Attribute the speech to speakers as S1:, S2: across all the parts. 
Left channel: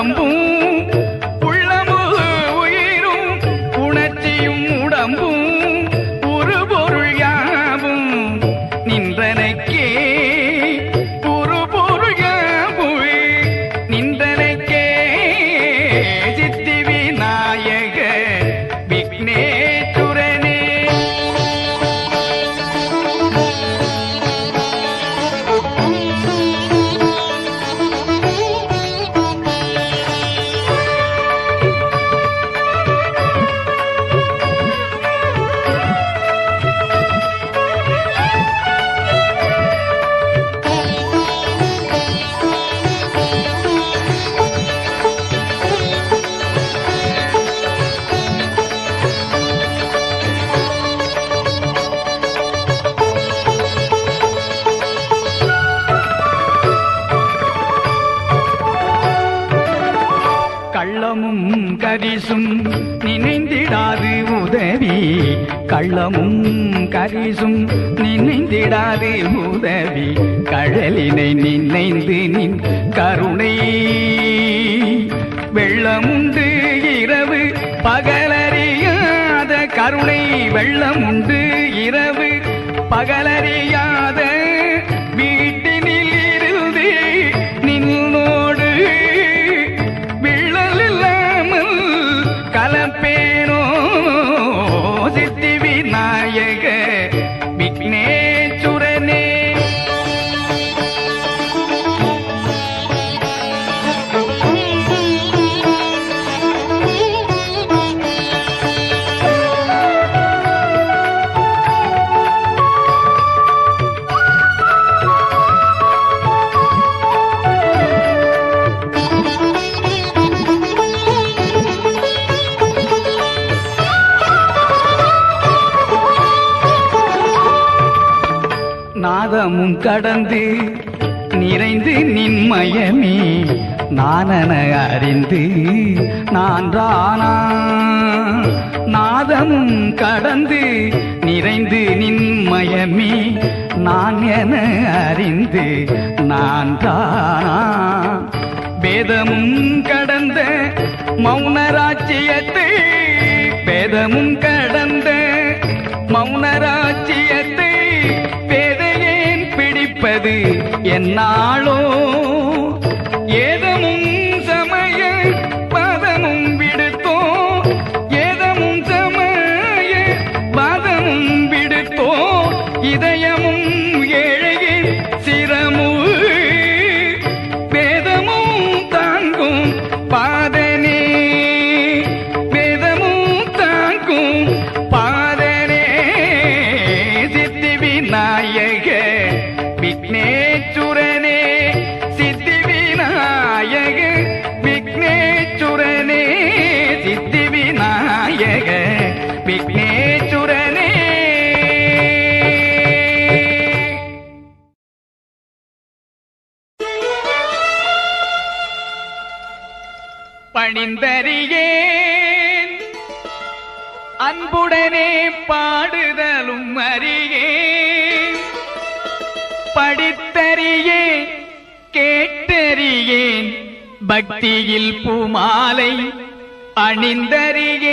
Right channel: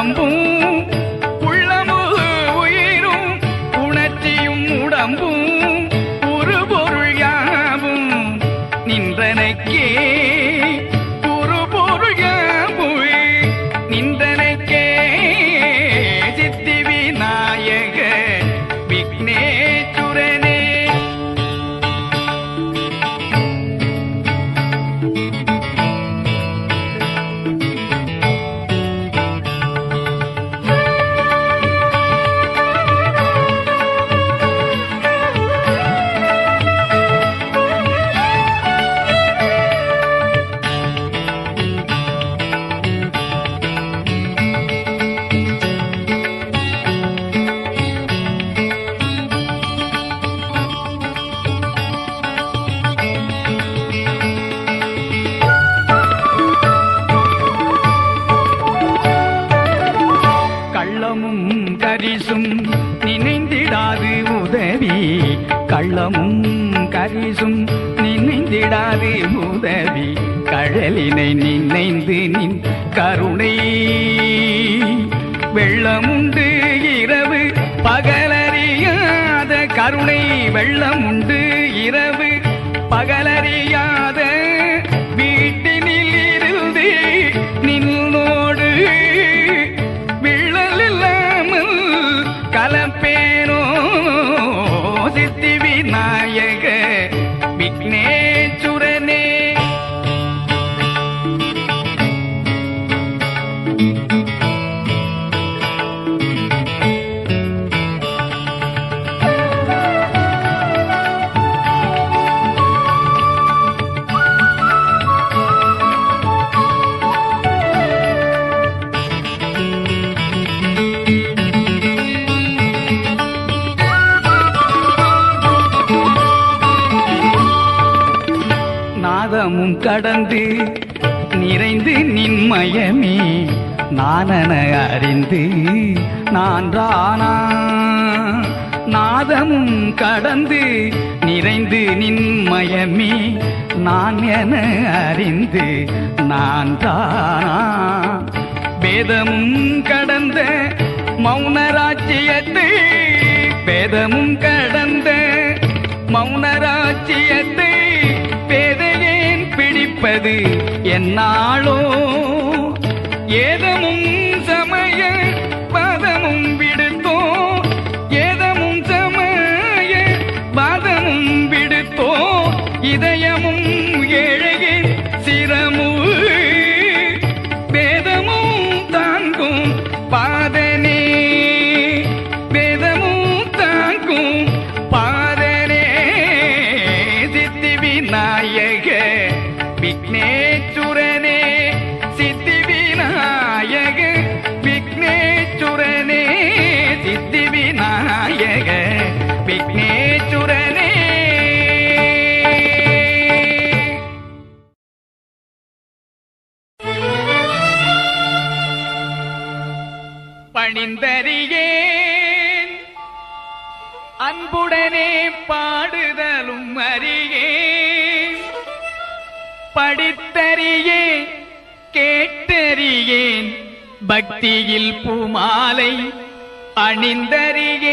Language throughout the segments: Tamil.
S1: உடம்பும் உள்ளமும் உயிரும் உணர்ச்சியும் உடம்பும் ஒரு பொருள் யாவும் நின்றனக்கே. கள்ளமும் கரிசும் நினைந்திடாது உதவி. கள்ளமும் கரிசும் நினைந்திடாது உதவி. கடலினை நினைந்து நின் கருணை. வெள்ளமுண்டு இரவு பகலறியாத கருணை. வெள்ளமுண்டு இரவு பகலறியாத வீட்டு விநாயக விக்னே காலமும் கடந்து நிறைந்து நின்மயமே நானன அறிந்து நான் தானா நாதமும் கடந்து நிறைந்து நின்மயமே நான் என அறிந்து நான் தானா வேதமும் கடந்த மௌனராஜ்யத்தை வேதமும் கடந்த பிடிப்பது விநாயகே விக்னேச்சுரனே சித்தி விநாயக விக்னேச்சுரனே பணிந்தறியேன் அன்புடனே பாடுதலும் அறியேன். படித்தறியேன் கேட்டறியேன் பக்தியில் பூமாலை அணிந்தறியேன்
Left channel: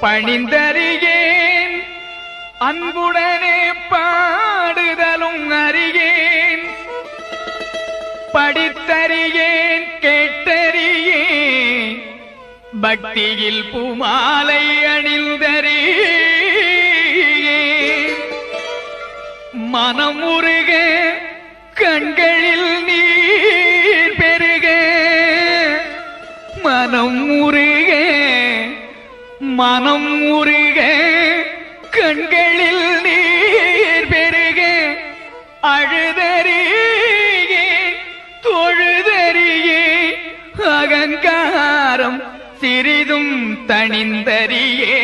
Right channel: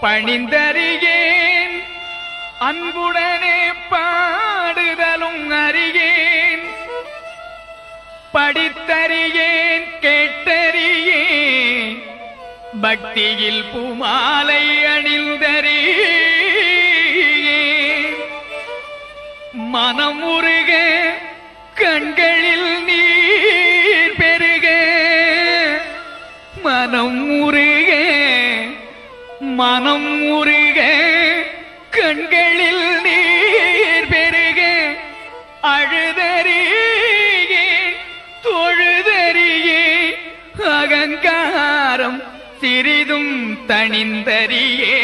S1: பணிந்தறியேன் அன்புடனே பாடுதலும் அறியேன். படித்தறியேன் கேட்டறியேன். பக்தியில் பூமாலை அணிந்தறியேன் மனமுருகே கண்களில் நீர் பெருகே. மனம் முருக மனம் முருக கண்களில் நீர் பெருகே. அழுதறியே தொழுதறியே அகங்காரம் சிறிதும் தனிந்தறியே